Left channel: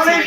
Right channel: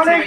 অনেক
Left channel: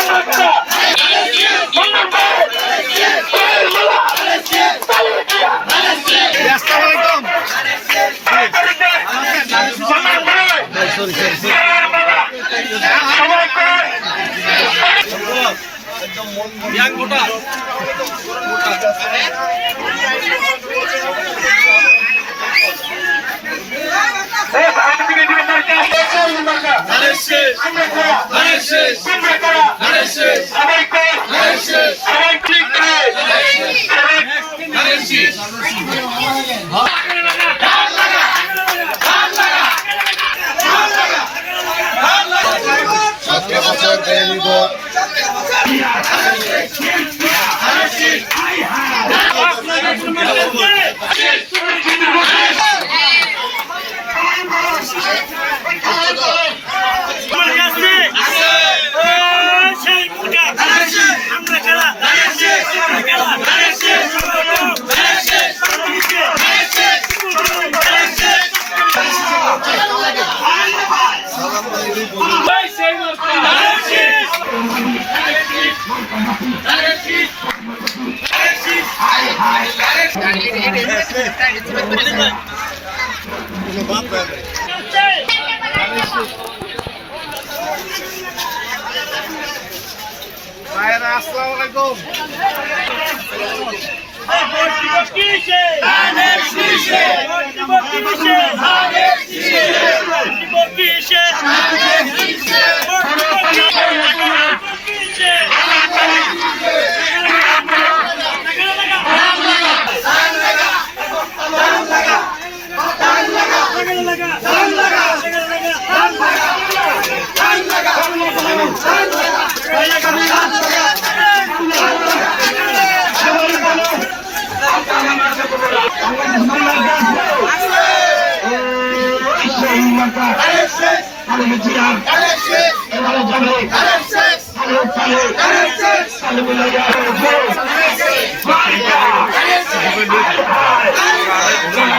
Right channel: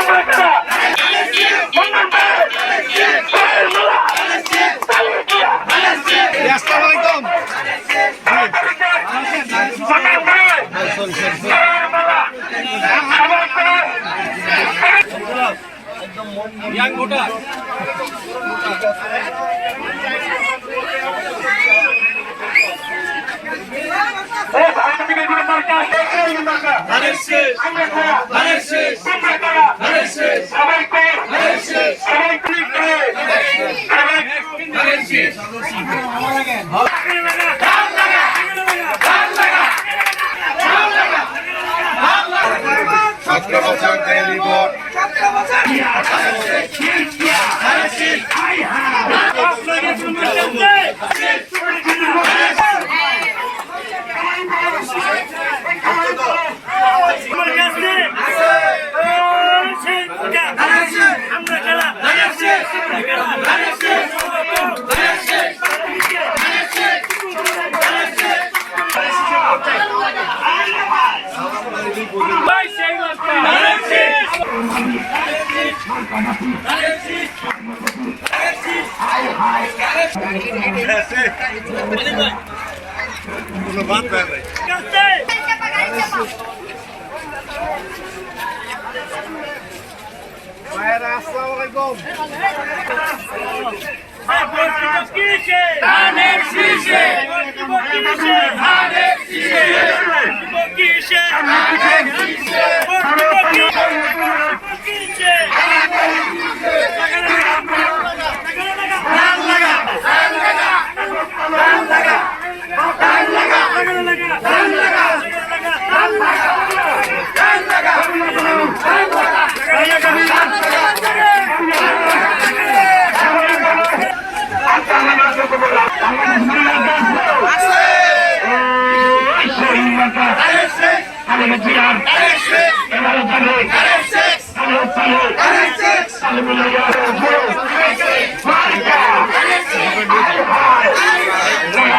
আমরা young voter ভালো লাগে বছর দেব সতেরো বছর কোনো বাদ ভাইরা আসসালামু আলাইকুম ধানের শীষে ধানের শীষে Alex Six! Alex Six! Alex Six!